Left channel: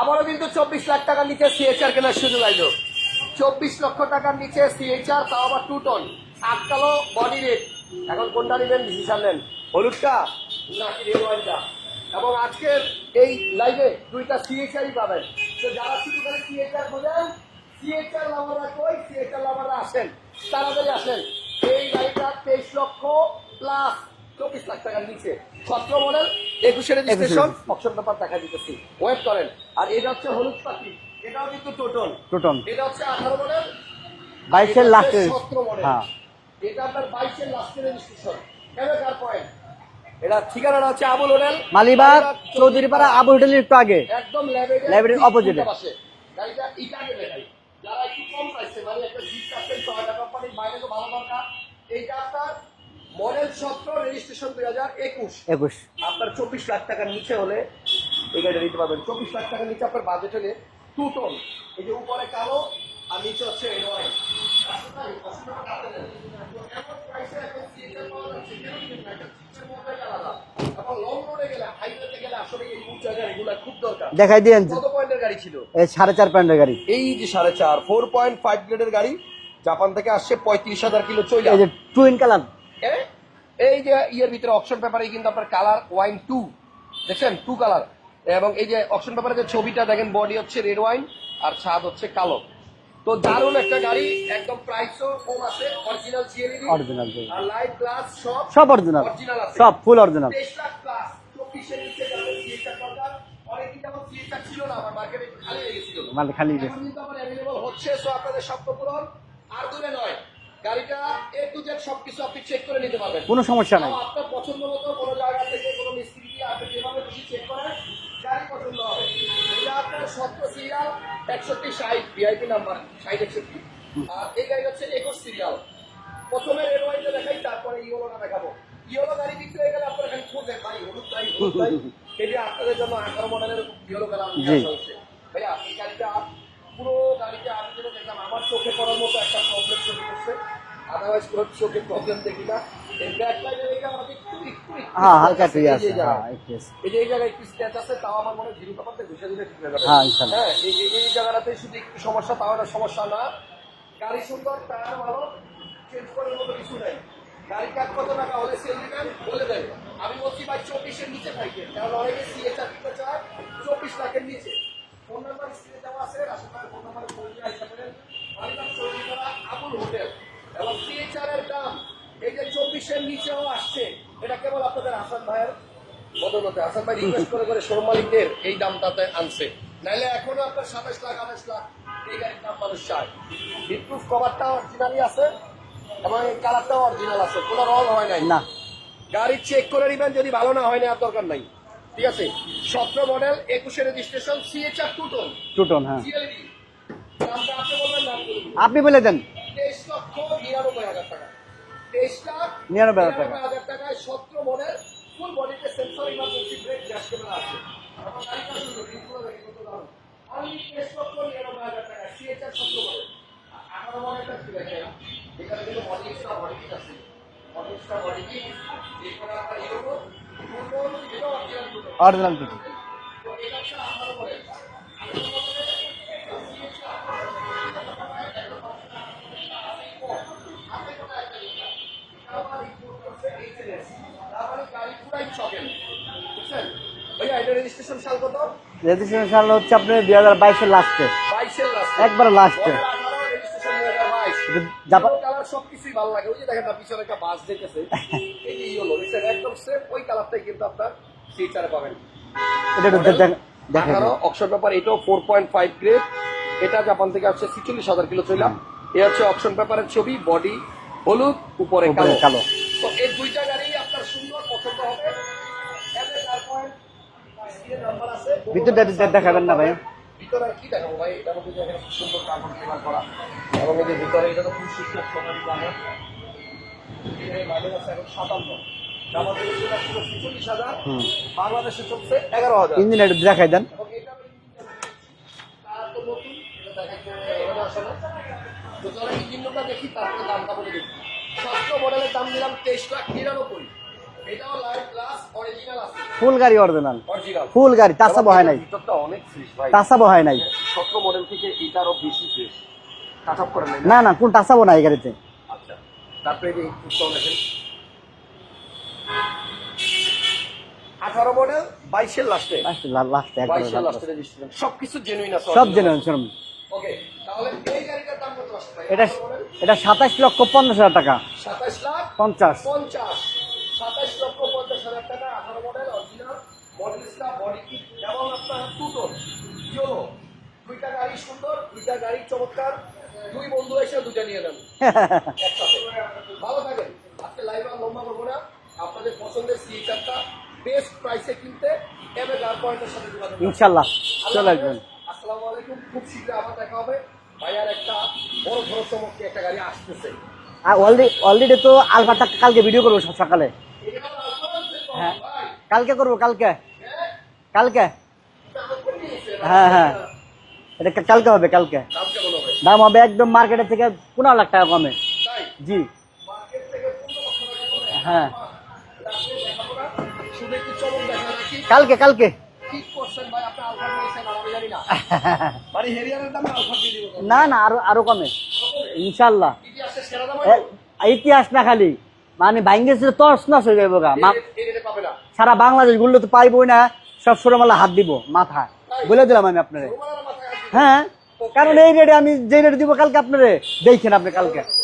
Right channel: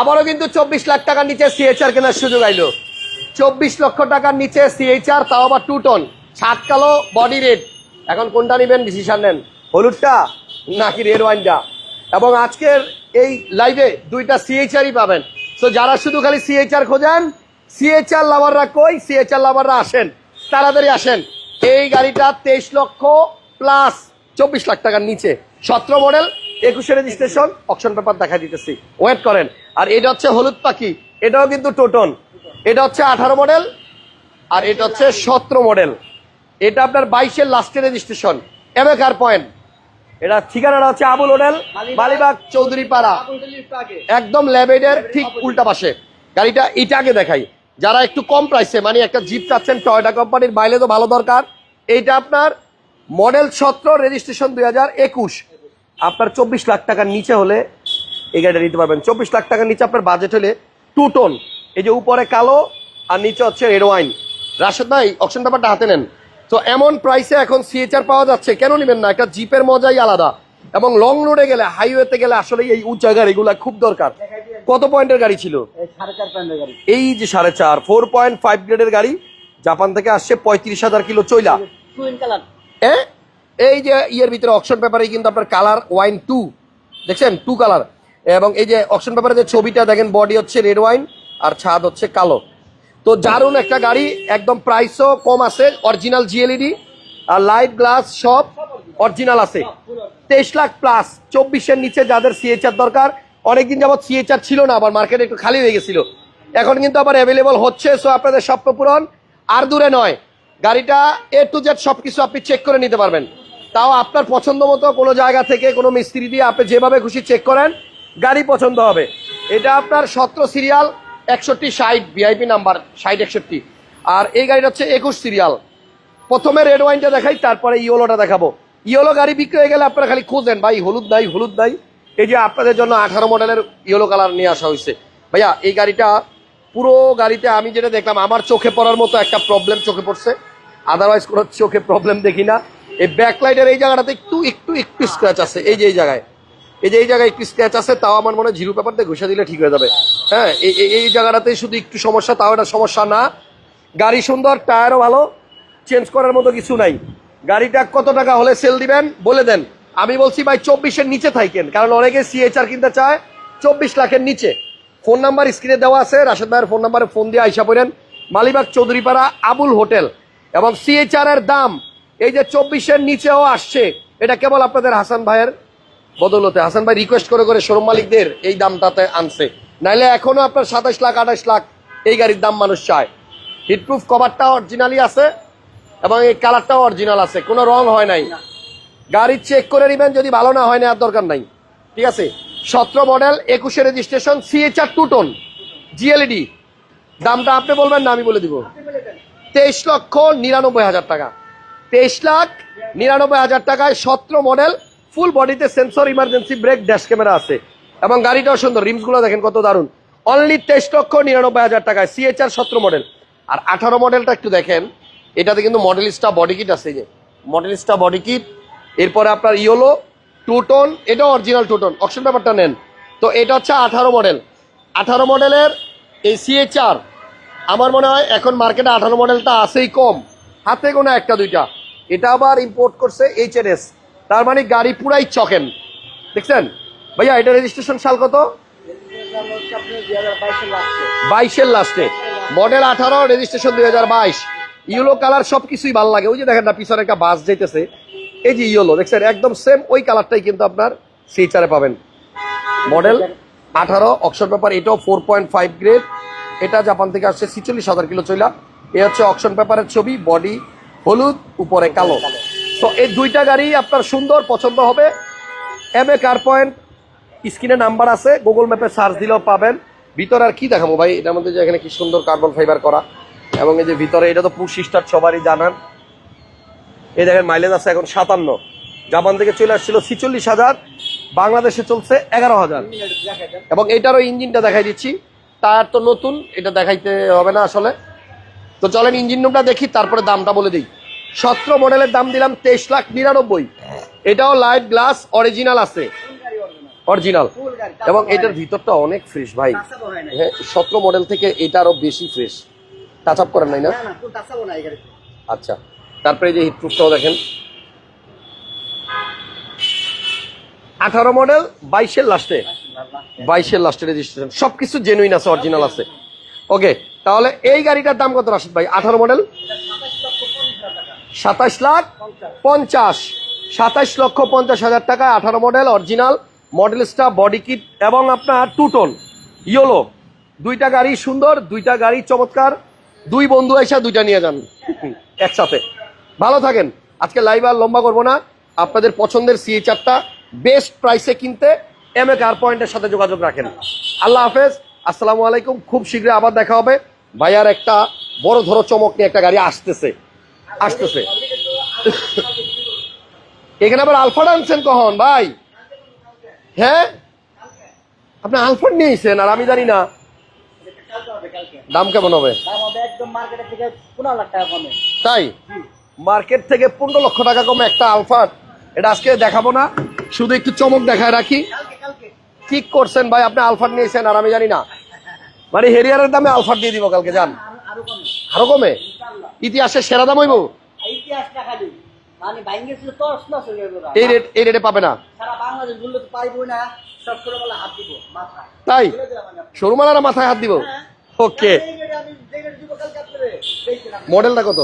আবারও কিন্তু চব্বিশ লাখ টাকার নিচে সিএচআর কেনার সুযোগ আইলো। চব্বিশ লক্ষ টাকার নিচে সিএইচআর তাও আবার টু টন ছাদ কালো বডি রেড এখন কোনটা নেবেন? ডিসিশন নেন। হলুদটা নাকি রেড ওয়াইনটা এবং আজকের এই লাইভে দুইটা সিএইচআরই পাবেন। তো যারা শুধু খালি সিএইচআর খোঁজেন সিএইচআর লাভাররা কই? সিএইচআর লাভাররা আসেন। তাড়াতাড়ি আসেন। এই গাড়িটা তেইশ লক্ষ প্লাস চব্বিশ লাখ টাকার নিচে। সতেরো মডেল একুশে রেজিস্ট্রেশন অপশন পেপার দেখা দিতেছি। ওয়েট করেন। আর এটা হচ্ছে হলুদ পাখি। এটাও কিন্তু টোটন। টোটন। এটা হচ্ছে আঠারো মডেল আর এটা হচ্ছে সতেরো মডেল হ্যাঁ। এটা আপনার বাইশের লাস্টের রেজিস্ট্রেশন এবেকার পয়েন্ট এটা ঠিকানাটা হচ্ছে আবুল হোটেল মালিবাগ চৌধুরী পাড়া আবু হোটেলের একটু আগে। একদম ল্যাবেডের উল্টা পাশে। গাড়িটা এটা আগে দেখাই। যারা একটু কম প্রাইসে মানে একটা জিপ চাচ্ছেন টয়টা কোম্পানির বাইলে তো ভালো দরকার। এইটা আপনার মডেল সতেরো রেজিস্ট্রেশন দুই হাজার একুশ। একুশ। আপনার চব্বিশ লাখ টাকার নিচে হলে এই গাড়িটা নিতে পারবেন। চব্বিশ লাখ টাকার নিচে আপনার বাজেট হলে টু টোন এই যে উপরে কালো আর নিচে হচ্ছে রেড ওয়াইন রাশেদ ভাই অপশন ব্যাপারটা হাতে নেন। তো এমন প্রাইসে এখন সিএচআর পাওয়া যাচ্ছে কেন নেবেন না? একটা জিপের মজাই আলাদা। এবং লং রোডে গেলে হাইওয়েতে গেলে আসলে এই উঁচা গাড়িগুলা খুব দরকার। দেখাই দিয়েন কত পয়েন্টের গাড়ি ছিল? সাড়ে চার পয়েন্টের গাড়ি। এই যে সাড়ে চার ফোর পয়েন্ট ফাইভ গ্রেডের গাড়ি জাপান থেকে আসছে পঁয়ত্রিশ হাজার কিলো চইলা টুইন কালার এ? এই যে ইয়ের ভিতরে অপশন পেপারে কিন্তু আপনার কালার ওয়াইন টু দেখছেন? টু কালার এবং এই যে অকশন পেপারে যে ছবিটা দেখেন বডি হচ্ছে রেড ওয়াইন আর ছাদ হচ্ছে কালো। তো দারুণ একটা গাড়ি একদম প্রাইসও কম আছে অরিজিনাল জিএলইডি আর লাইট গ্লাস সব সব অরিজিনাল আছে। সব ফুল অরিজিনাল তেইশ লাখ প্লাস চব্বিশের নিচে যাদের সিএচআর দরকার অনেকদিন যাবত সিএচআর ছিল না আবার মার্কেটে একটু খালি হয়ে গেছিল। মানে এখন কিন্তু আবার অ্যাভেলেবল হচ্ছে সো আপনাদের স্বপ্ন পূরণ আর দূরে নয় গাড়িটা এ টু জেড সবকিছু আপনি চেক করে নিতে পারবেন। কোনো সমস্যা তাও আপনার পছন্দ মতো কোনো জায়গা থেকে কোনো মিস্ত্রি দিয়ে আপনি যেভাবে খুশি চেক করেন গাড়ি পছন্দ হবে। এটা আপনার সতেরো সিরিয়াল একষট্টি ষাট ভিআইপি নাম্বার ষাট একষট্টি। আর এই গাড়িটা হচ্ছে একুশ সিরিয়াল প্রথমে রেড ওয়াইনটা দেখাই তারপরে ইয়োলোটা দেখাবো। ইয়োলো গাড়ি বিক্রি হয়ে গেলে আপনারা খালি খোঁজেন ভাই হলুদ নাই হলুদ নাই। এই যে আপনাদের জন্য আঠারো মডেলের ইয়েলো কালার নিয়ে আসা হয়েছে। ভাইয়া এই গাড়িটা পুরো গাড়িতে আমি যেটা দেখলাম আমার চোখে পড়ার মতো একটা প্রবলেম চোখে পড়ছে। আদারওয়াইজ কোনো চোখে প্রবলেম দেখি না। এই ব্যাকলাইটের এই জায়গাটাতে একটু একটু একটু হ্যাঁ, স্ক্র্যাচ হ্যাঁ, আছে। এই যে এই জায়গায়। হ্যাঁ। এই যে এই জায়গায় একটু স্ক্র্যাচ আছে তাও আমার মনে হয় জিরো পেপার দিয়ে ঘষে দিলে ঠিক হয়ে যাবে। হ্যাঁ, হ্যাঁ এই এই- এই জায়গাটাতে শুধু একটু সমস্যা তাও এটা সমস্যা না। গাড়ি সুন্দর টায়ারও ভালো চেঞ্জ করার মতো কিছু নাই। গাড়িটা কত টাকা হলে সেল দিবেন? বলে দেন। আমি বলছি ভাই চব্বিশের নিচে থাকেন। কারণ অনেকে সিএচআর কিনতে চায় চব্বিশ লাখের নিচে। ফোন নাম্বার স্ক্রিনে দেওয়া আছে রাশেদ ভাইয়ের ফোন নাম্বারে ফোন দিয়ে আইসা পড়েন। মালিবাগ চৌধুরীপাড়া আবুল হোটেল। এবং সিএচআর এর দাম এই যে চব্বিশের নিচেও আসছে এটা কেবল আপনাদের হাসান ভাইয়ের বদলতে। হাসান ভাই রিকোয়েস্ট করে করে শোরুম মালিকদের এই দামটাতে আনছে। নাইলে এখনও আপনার সাতাশ লাখ আঠাশ লাখ এই গাড়ির দাম মানুষ চায়। হিটপ্রুফ কভারটা অরিজিনালি আছে এবং এই কালারটাও অরিজিনাল আছে কোনো রং হয় নাই। না। গাড়ি চেক করে নেবেন যদি ভালো না হয় না আর দরকার নাই। ঠিক আছে? সতেরো মডেল একুশে রেজিস্ট্রেশন সিএচআর টু টোন টুটন হ্যাঁ। জিএলইডি দামটা আপনি বলবেন না আমি বলে দিব। আপনি বলে দেন। তেইশ লক্ষ নিরানব্বই হাজার টাকা। তেইশ লাখ নিরানব্বই। হাজার। টাকায় সতেরো মডেল ফুল বডিতে sensor emergency brake dash camera আছে। এবং গাড়িটাও সুন্দর রিমসগুলো দেখেন কত দারুণ। অনলি তেইশ লক্ষ নিরানব্বই হাজার টাকায় সিএচআর সতেরো মডেল আর আঠারো মডেলটা একটু দেখেন এটাতে কিন্তু মডেলিস্টা বডি কিট আছে যে। মডেলিস্টা বডি কিট এরপরে আপনার ইয়োলো টু টোন এটাও অরিজিনাল টু টোন অপশন. ব্যাপারটা নেন। তো এটা হচ্ছে আঠারো মডেল আঠারো মডেলের এই সিএচআর আমার মনে হয় এখন মার্কেটে আঠারো মডেলটা আছেই কম। হাতে কোনো একটা দুইটা। এটা আবার ইম্পোর্ট করছে এইচ তার মানে গাড়ি পুরাই চকেন। দেখছেন? ভাইয়া এটা রেজিস্ট্রেশন সাল কত? রেজিস্ট্রেশন সাল হচ্ছে আপনি লাস্টে একবারে। মডেল রেজিস্ট্রেশন দুই হাজার বাইশ। ইয়েলো কালার সবকিছুই ভালো লাগে। ওই যে দেখেন না পিছনে একটা বাস এই যে ইয়েলো দেখছেন? একদম সেম ওই কালারটাই কিন্তু আপনার সিচারে পাবেন। মডেল অকশন পেপার এটাও গ্রেড এটা জাপান থেকে আসছে ছিচল্লিশ হাজার কিলো চইলা। এ হচ্ছে অকশন পেপারের ছবি বডি হলুদ উপরে কালো। কালো। তো এই দুইটা গাড়ি আপনার সুন্দর পছন্দ হবে। এম এ কার পয়েন্ট স্ক্রিনে নাম্বার আছে গুগল ম্যাপে সার্চ দিলেও পাবেন? ভিতর আর কি দেখাবো ভাই? এটার মধ্যে যে এখানে কি সুন্দর কার্বন ফাইবার করা। এবং এই যে ভিতরে এটা তো পুশ স্টার্ট সবারই জানান এই দেখেন মাইলেজ আছে এখন সাতান্ন। জাপান থেকে চলে আসছিল ছিচল্লিশ হাজার। বাংলাদেশে চলছে এগারো হাজার। ইঞ্জিন দেখাই দেন। এবং এটারও ইঞ্জিনটা দেখাই দিচ্ছি। তার তো নতুন এটা দেখাইতে হবে না আসলে। তো চলেন ইঞ্জিন রুমটা দেখি তারপরে দামটা বলে দিই। সতেরো মডেলের দাম দিলাম তেইশ লাখ নিরানব্বই। এটাও লাইট গ্লাস অরিজিনাল আছে। ফুল গাড়ি অরিজিনাল অরিজিনাল ফুল গাড়ি এবং এটার ভিতরটা অনেক ফ্রেশ ভাই। টাচা বহায় নাই। সতেরো মডেল থেকে এটা আরও বেশি ফ্রেশ টাচ আপ করেন নাই না? না কোন টাচাবো না এই গাড়িতে। আচ্ছা তারপরে এই যে হিটপ্রুফটাও দেখেন। আঠারো মডেল বাইশের লাস্টে বাইশের লাস্টে রেজিস্ট্রেশন সবকিছু জেনুইন আছে অরিজিনাল আছে। ওকে তাহলে এই গাড়িটার দাম কত রাশিদ ভাই? আঠারো মডেল? এটা সাতাশ লক্ষ পঞ্চাশ হাজার টাকা। সাতাশ লাখ পঞ্চাশ। পঞ্চাশ। সাতাশ লক্ষ পঞ্চাশ হাজার টাকা আঠারো model original model star body kit এবং আপনার টু টোন ইয়োলো দুইটা গাড়ি সুন্দর দুইটা গাড়ি চমৎকার। দুই বন্ধু এসে দুইটা নিয়ে যান। একসাথে। ভালো থাকেন। আজকে লাইভ আর লম্বা করব না। আপনাদের পছন্দের সিএ চারটা বেস্ট প্রাইসে কিনতে এম এ কার পয়েন্টের সাথে যোগাযোগ রাখেন। আল্লাহ হাফেজ। আসসালামু আলাইকুম খুব শীঘ্রই আবার দেখা হবে। ভাইয়ার একটা বড় ধরো চমক নিয়ে একটা গাড়ি আসতেছে। অলরেডি তো আলফাটা কালকে ভিডিও করব সকালে। এখানে আবার আলফাটা আনছেন কখন ভাই? কালকে করব কালকে। হ্যাঁ? কালকে। আপনি নিয়েছেন আর আমি হ্যাঁ, জানি না। এটা কালকে হবে কালকে। দাম কেমন হবে? দাম হবে একদম মার্কেটের থেকে পনেরো লাখ টাকা কমে। তাই? জি। মার্কেট থেকে পনেরো লক্ষ টাকা কমে একটা হ্যাঁ। এটা আজকে দেখাবো না। শুধু একটু চমক দেখায় রাখি। কালকে কালকে। ঠিক করছেন ভাই? আপনি আলফাট নিয়েছেন আর আমি জানি না। মানে হেরিয়ারের দামে আলফাট দিয়ে দিব কালকে না না আরও আরও কমে। আরও কমে? ইনশাল্লাহ। ইতিহাসের সেরা দাম হইব? ইতিহাস না খালি। মানে তস নস হয়ে যাবে এই রেট এই রেটে পাবে না। সারা বাংলাদেশগুলো তো পাইবই না। সব সরমালা হাত দিব মাথা। তাই? বলে দিলাম আমি আপনার শোরুমালারা মাথায় হাত দিব? হ্যাঁ। ওকে এই রেটে আমি যে রেটে দিব কালকে আপনারে দেখেন আপনি মডেলটা কত?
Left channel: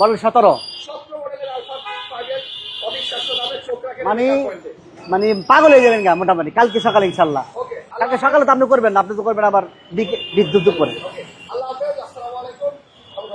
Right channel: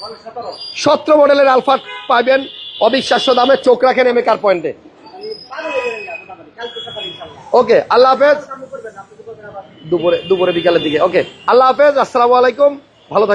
মডেল সতেরো। সতেরো মডেলের আলফাট পাবেন অবিশ্বাস্য দামে চোখ রাখেন এম কার পয়েন্টে মানে পাগল হয়ে যাবেন গা মোটামুটি। কালকে সকালে ইনশাল্লাহ ওকে আল্লাহ হাফেজ। আপনি করবেন আপনি তো করবেন আবার দুপুরে দুপুরে দিক- বিকালের দিকে। ওকে আল্লাহ হাফেজ আসসালামু আলাইকুম। ভালো থাকেন